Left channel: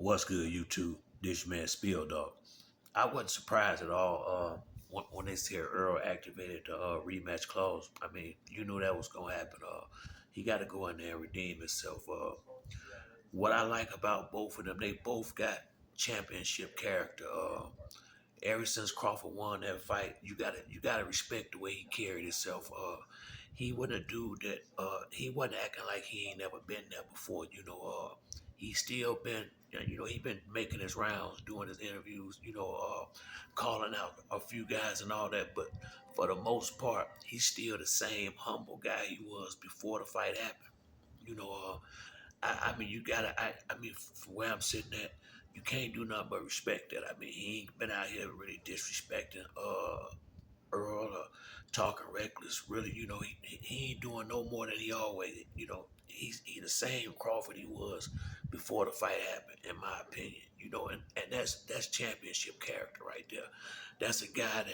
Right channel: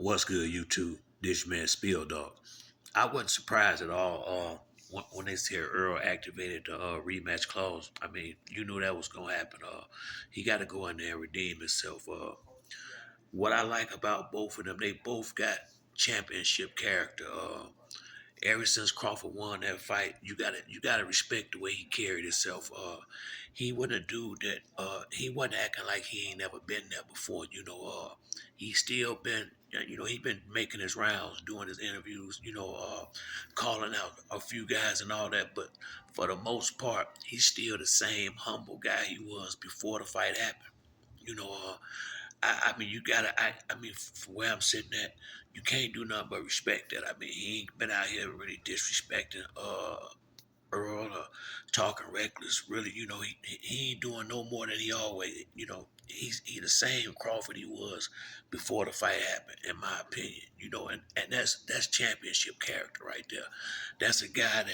What's good, YouTube? This man Spill Dog. I wasn't surprised at all when they said Earl activated the rematch clause. I mean, you knew that was gonna happen. He got to go in there and redeem himself. What I like about both of them, they both got championship character. Ever since Crawford won that fight, you gotta respect the way he carried himself. He wasn't a dude that he wasn't acting like he ain't never been there before. He still been he been making his rounds, doing his interviews. Calling out a few guys and all that. But for the most part, he's still the same humble guy he was before the fight happened. You know, I mean, you gotta. I mean, from where I'm sitting at, you can't do nothing but respect that. I mean, he ain't been out here really disrespecting Earl or talking reckless. Really, he ain't doing no more than he always. He the same Crawford he was before the fight happened, in my opinion. And that's championship character right there. That's a guy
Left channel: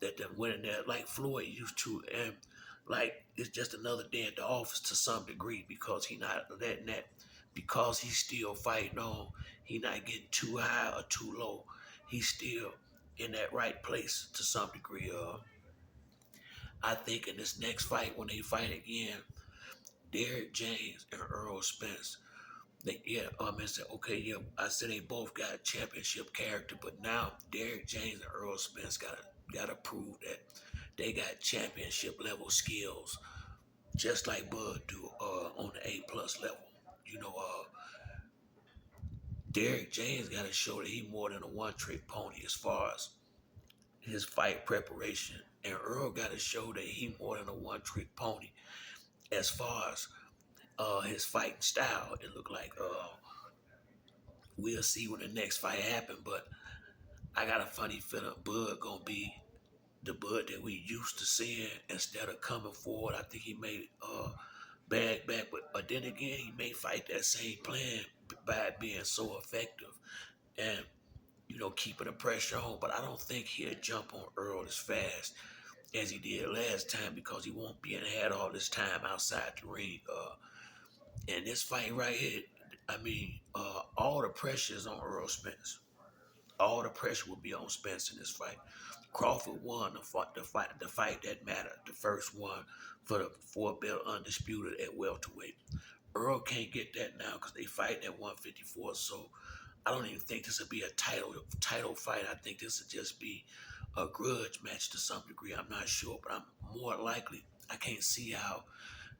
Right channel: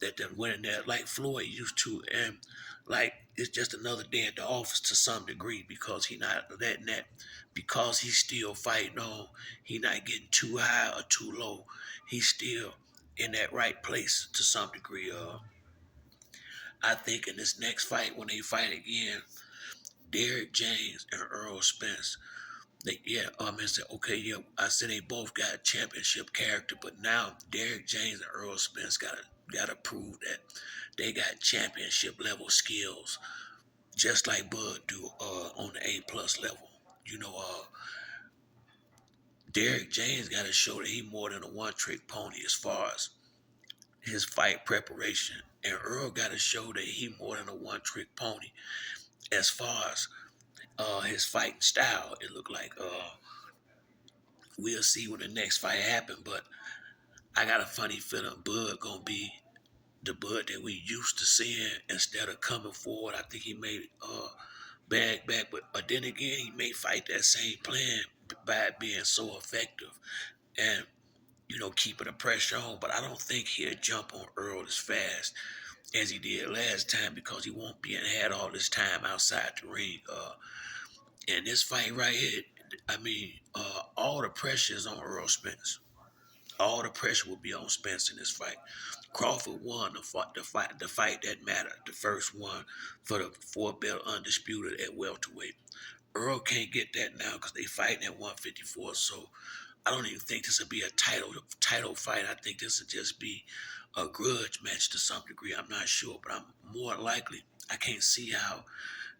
that went in there like Floyd used to, and like it's just another day at the office to some degree because he not letting that because he's still fighting on. He not getting too high or too low. He's still in that right place to some degree. I think in this next fight when they fight again, Derek James and Earl Spence. I said, okay, yeah, I said they both got championship character, but now Derek James and Earl Spence gotta prove that they got championship level skills, just like Bud do on the A+ level. You know, uh, Derek James gotta show that he more than a one trick pony as far as his fight preparation, and Earl gotta show that he more than a one trick pony as far as his fighting style. It looked like we'll see when the next fight happen, but I got a funny feeling Bud gonna be the Bud that we used to seeing instead of coming forward. I think he may bag back, but then again he may fight that same plan by being so effective and keeping the pressure on. But I don't think he'll jump on Earl as fast as he did last time because he won't be had all this time outside the ring. And this fight right here, I mean, all the pressure is on Earl Spence. All the pressure will be on Spence in this fight. Crawford won the fight that mattered, the first one for the four-belt undisputed at welterweight. Earl can't get that now because they fighting at 154. So I don't even think this will be a title fight. I think this will just be a grudge match to some degree. I'm not sure, but I'm more likely. I can't see how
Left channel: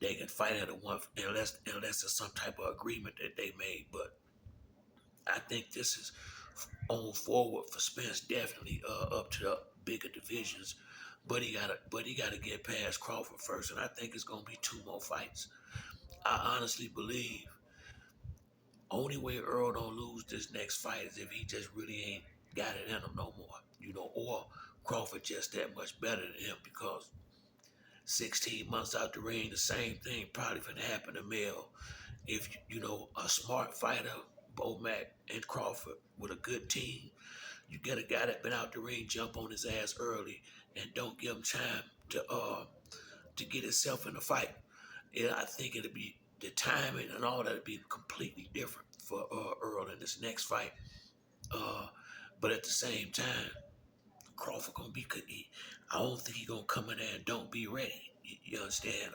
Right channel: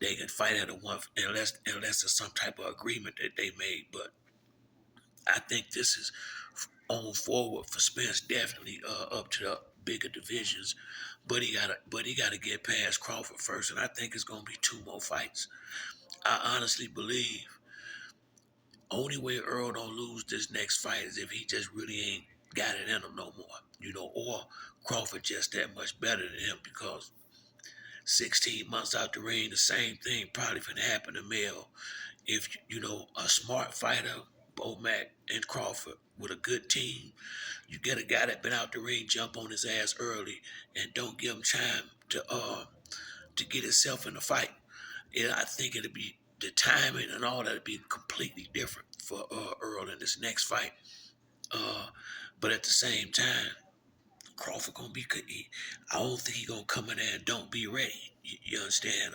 they can fight at a one unless there's some type of agreement that they made. But I think this is on forward for Spence definitely up to the bigger divisions, but he gotta get past Crawford first, and I think it's gonna be two more fights. I honestly believe only way Earl don't lose this next fight is if he just really ain't got it in him no more, or Crawford just that much better than him because 16 months out the ring, the same thing probably finna happen to Mel. If a smart fighter, Bomac and Crawford with a good team, you get a guy that been out the ring, jump on his ass early, and don't give him time to get himself in the fight. I think it'll be the timing and all that'll be completely different for Earl in this next fight. Uh, but at the same time, Crawford gonna be. I don't think he gonna come in there and don't be ready. You understand?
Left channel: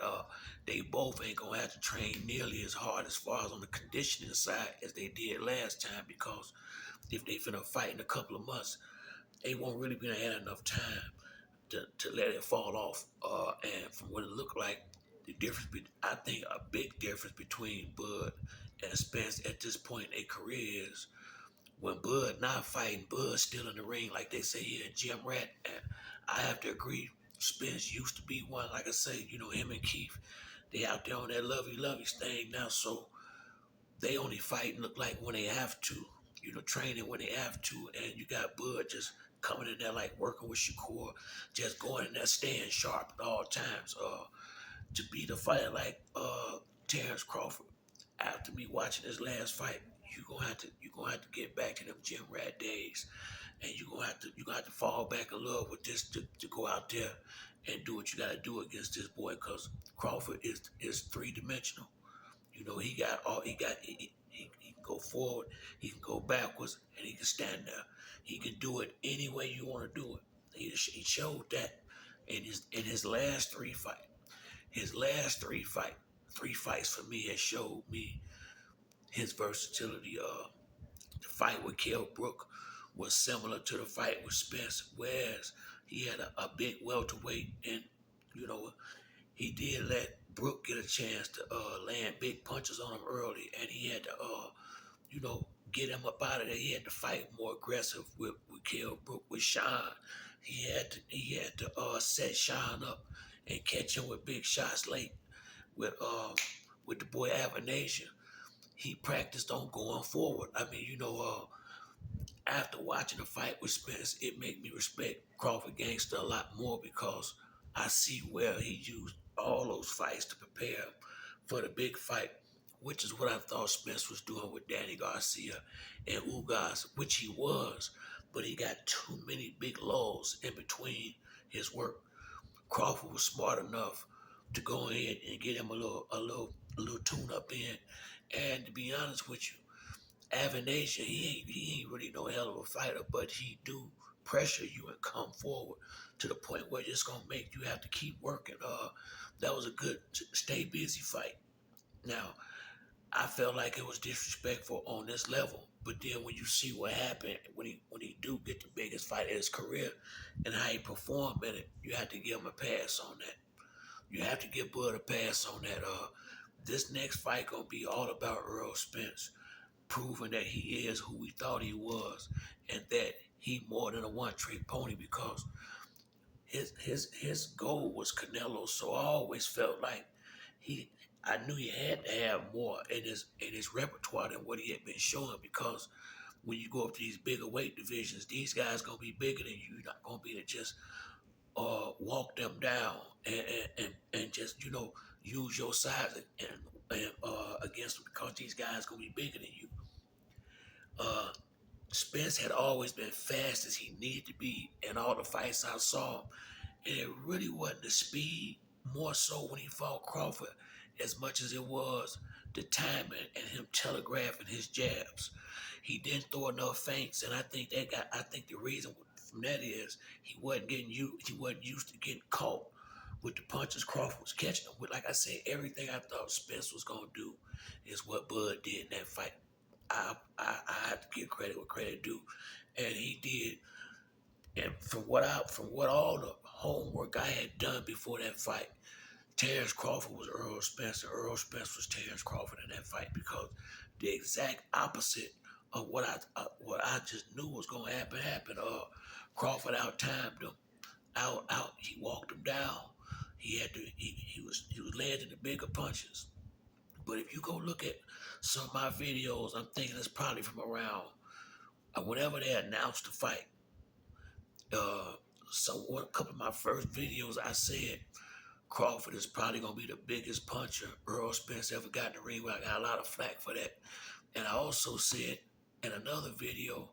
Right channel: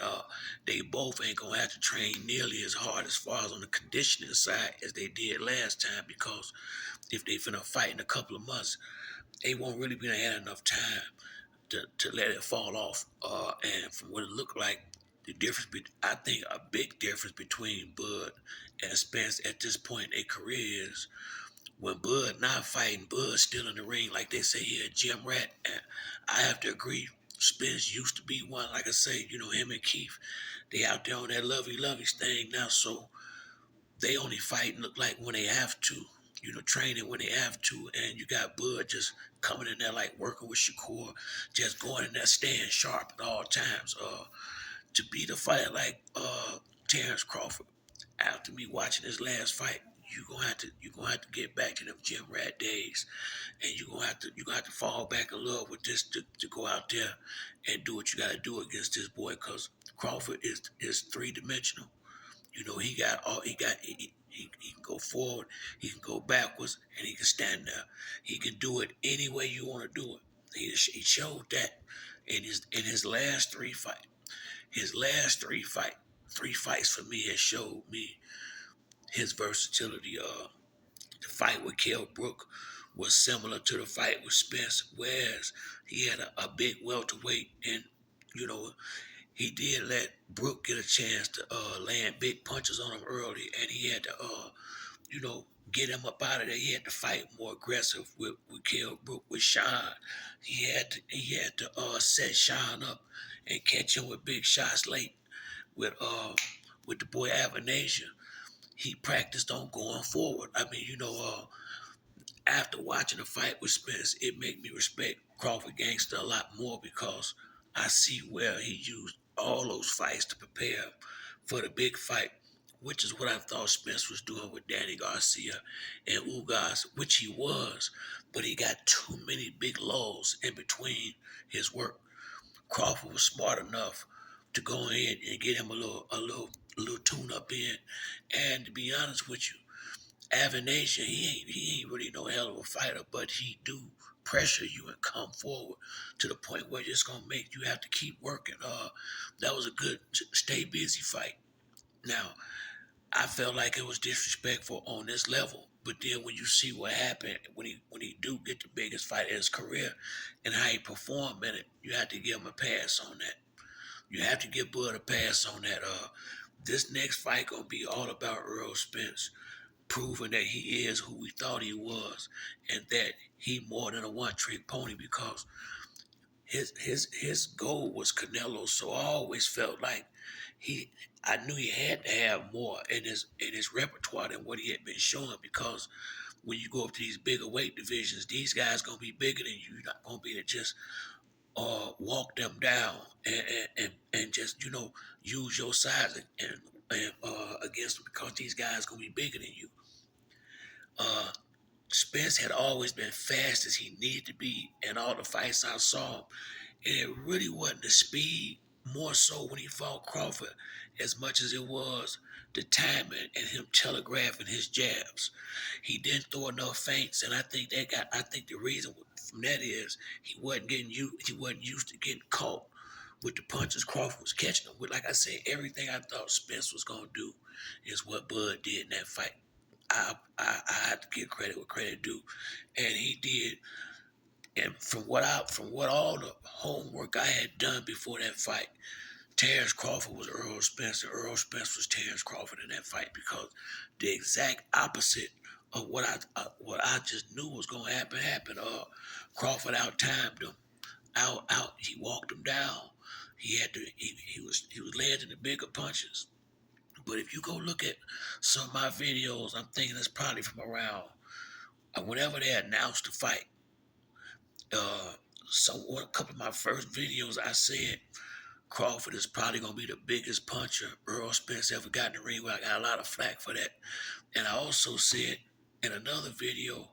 They both ain't gonna have to train nearly as hard as far as on the conditioning side as they did last time because if they finna fight in a couple of months, they won't really be had enough time to let it fall off. And from what it looked like, I think a big difference between Bud and Spence at this point in their career is when Bud not fighting, Bud still in the ring, like they say he a gym rat. And I have to agree, Spence used to be one. Like I say, him and Keith, they out there on that lovey thing now. So they only fight and look like when they have to, training when they have to. And you got Bud just coming in there like working with Shakur, just going in there staying sharp at all times. To beat a fighter like Terrence Crawford, after me watching his last fight, you gonna have to get back to them gym rat days, and you gonna have to fall back in love with this to go out there and do what you gotta do against this boy, cause Crawford is 3 dimensional. He got all he got. He can go forward, he can go backwards, and he can stand there. He can do it any way you want to do it. He showed that in his last three fights. His last three fights for me has showed me his versatility. The fight with Kell Brook was similar to the fight with Spence, whereas he had a big welterweight, and you know he did let Brook get a chance to land big punches on him early, and he had to you know get him up out of there. He had to fight more aggressive with Kell Brook with Sean. He had to set Sean up and catch him with big shots late with the boy Avanation. He practiced on going forward. I mean, after watching the fight with Spence, it made me respect Crawford Gangster a lot more because I see where he used all those fights to prepare for the big fight, which is what I thought Spence was doing with Danny Garcia and Ugas, which he was, but he got too many big lulls in between his work. Crawford was smart enough to go ahead and get him a little tune up in. And to be honest with you, Avanation, he ain't really no hell of a fighter, but he do pressure you and come forward to the point where it's gonna make you have to keep working. That was a good stay busy fight. Now, I felt like it was disrespectful on this level, but then when you see what happened when he do get the biggest fight of his career and how he performed in it, you have to give him a pass on that. You have to give Bud a pass on that. This next fight gonna be all about Earl Spence proving that he is who we thought he was, and that he more than a one trick pony because his goal was Canelo. So I always felt like he I knew he had to have more in his repertoire than what he had been showing because when you go up to these bigger weight divisions, these guys gonna be bigger than you. You're not gonna be able to just walk them down and just use your size and against them because these guys gonna be bigger than you. Uh, Spence had always been fast as he needed to be in all the fights I saw, and it really wasn't the speed, more so when he fought Crawford, as much as it was the timing and him telegraphing his jabs. He didn't throw enough feints, and I think the reason from that is he wasn't used to getting caught with the punches Crawford was catching him with. Like I said, everything I thought Spence was gonna do is what Bud did in that fight. I had to give credit where credit due, and he did. And from what all the homework I had done before that fight, Terrence Crawford was Earl Spence, and Earl Spence was Terrence Crawford in that fight because the exact opposite of what I just knew was going to happen happened. Crawford out timed him, out. He walked him down. He was landing the bigger punches. But if you go look at some of my videos, I'm thinking it's probably from around whenever they announced the fight. Uh, a couple of my first videos, I said Crawford is probably gonna be the biggest puncher Earl Spence ever got in the ring. Where I got a lot of flack for that, and I also said in another video,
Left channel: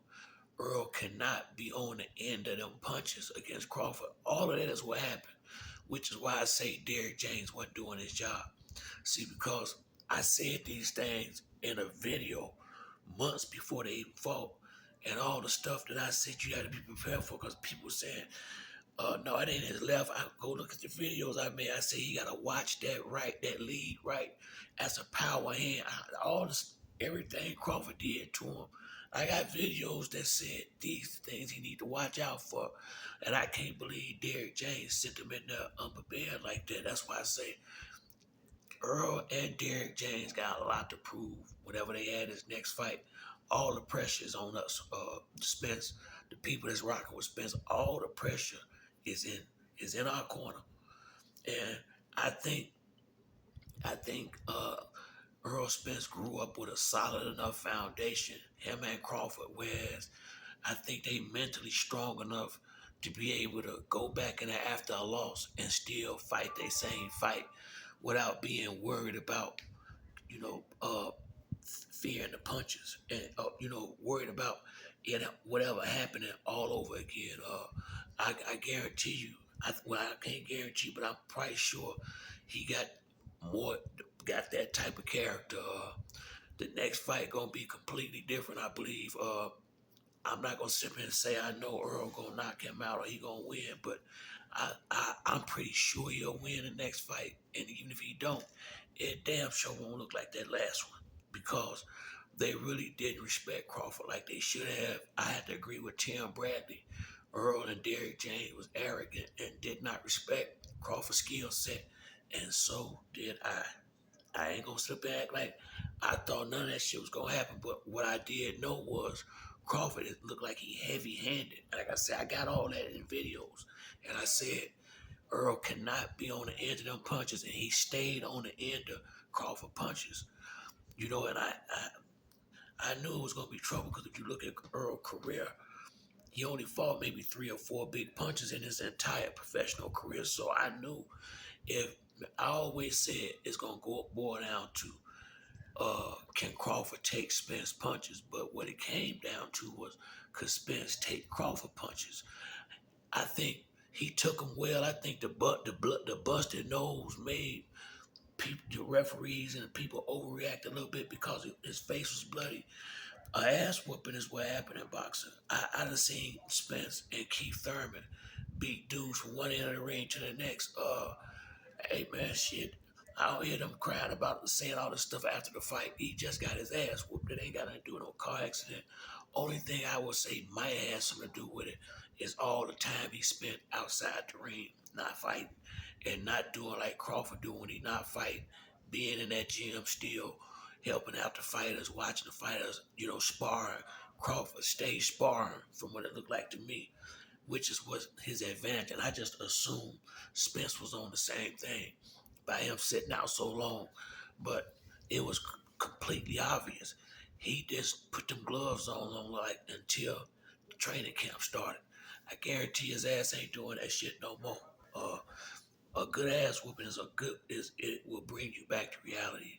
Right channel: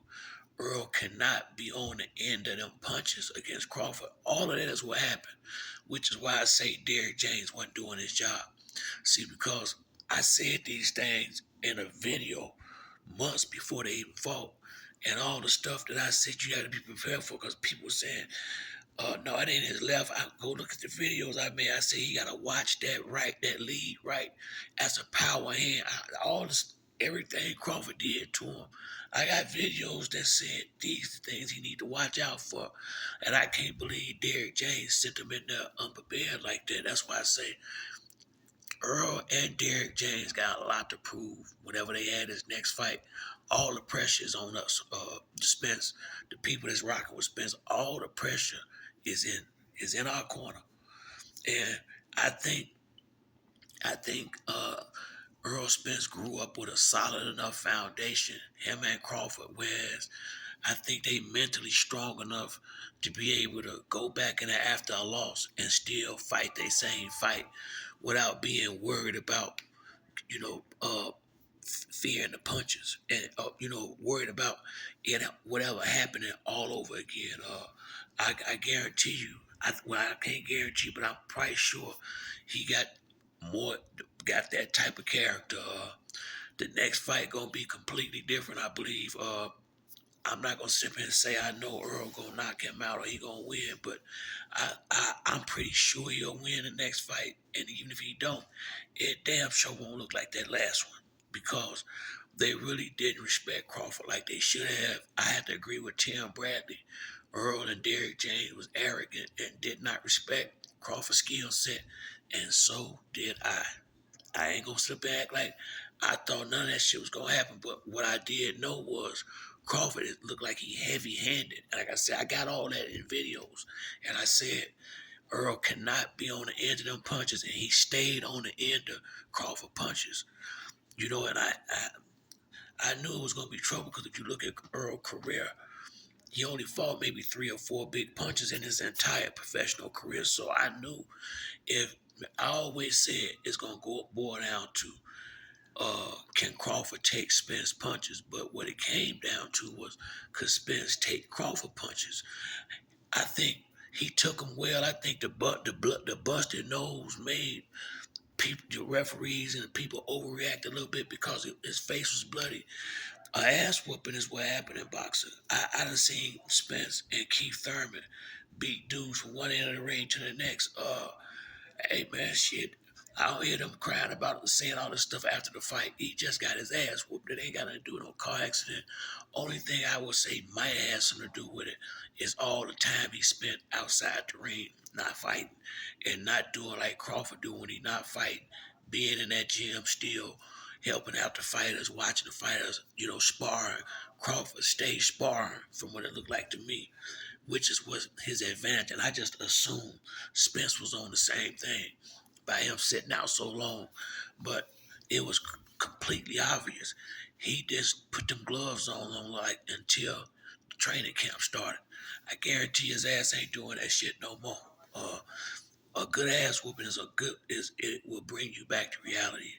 Earl cannot be on the end of them punches against Crawford. All of that is what happened, which is why I say Derrick James wasn't doing his job. See, because I said these things in a video months before they even fought. And all the stuff that I said you had to be prepared for because people were saying, no, it ain't his left. I go look at the videos I made. I say he gotta watch that right, that lead right as a power hand. All this, everything Crawford did to him. I got videos that said these things he need to watch out for. And I can't believe Derrick James sent him in there unprepared like that. That's why I say Earl and Derrick James got a lot to prove whenever they had his next fight. All the pressure is on us. Spence, the people that's rocking with Spence, all the pressure is in our corner. And I think I think Earl Spence grew up with a solid enough foundation, him and Crawford, whereas I think they mentally strong enough to be able to go back in there after a loss and still fight their same fight without being worried about, you know, fearing the punches and, worried about it, whatever happening all over again. I guarantee you, I can't guarantee, but I'm probably sure he got more, got that type of character The next fight gonna be completely different, I believe. I'm not gonna sit here and say I know Earl gonna knock him out or he gonna win, but I'm pretty sure he'll win the next fight. And even if he don't, it damn sure won't look like that last one because they really didn't respect Crawford like they should have. I have to agree with Tim Bradley. Earl and Derrick James was arrogant and did not respect Crawford's skill set, and so did I. I ain't gonna sit back like I thought none of that shit was gonna happen. But what I did know was Crawford it looked like he heavy handed. Like I said, I got all that in videos. And I said Earl cannot be on the end of them punches, and he stayed on the end of Crawford punches. And I knew it was gonna be trouble because if you look at Earl's career, he only fought maybe 3 or 4 big punches in his entire professional career. So I knew if I always said it's gonna go boil down to can Crawford take Spence punches? But what it came down to was could Spence take Crawford punches? I think he took them well. I think the busted nose made people, the referees and the people overreact a little bit because his face was bloody. A ass whooping is what happened in boxing. I done seen Spence and Keith Thurman beat dudes from one end of the ring to the next. Hey man, shit. I don't hear them crying about saying all this stuff after the fight. He just got his ass whooped. It ain't got nothing to do with no car accident. Only thing I would say might have something to do with it is all the time he spent outside the ring, not fighting, and not doing like Crawford do when he not fighting. Being in that gym still, helping out the fighters, watching the fighters, sparring. Crawford stayed sparring from what it looked like to me, which is was his advantage. And I just assumed Spence was on the same thing by him sitting out so long. But it was completely obvious. He just put them gloves on like until the training camp started. I guarantee his ass ain't doing that shit no more. Uh, a good ass whooping it will bring you back to reality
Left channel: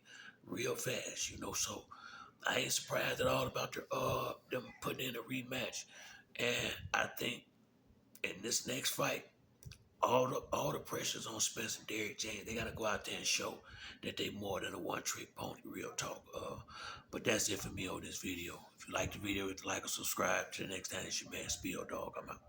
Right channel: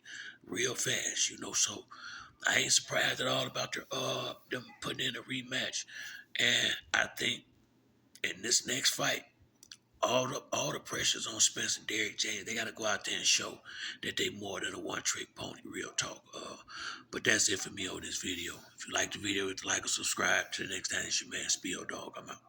real fast. So I ain't surprised at all about them putting in a rematch. And I think in this next fight, all the pressure's on Spence and Derrick James. They gotta go out there and show that they more than a one trick pony. Real talk. But that's it for me on this video. If you like the video, hit the like or subscribe. To the next time, it's your man Spiel Dog. I'm out.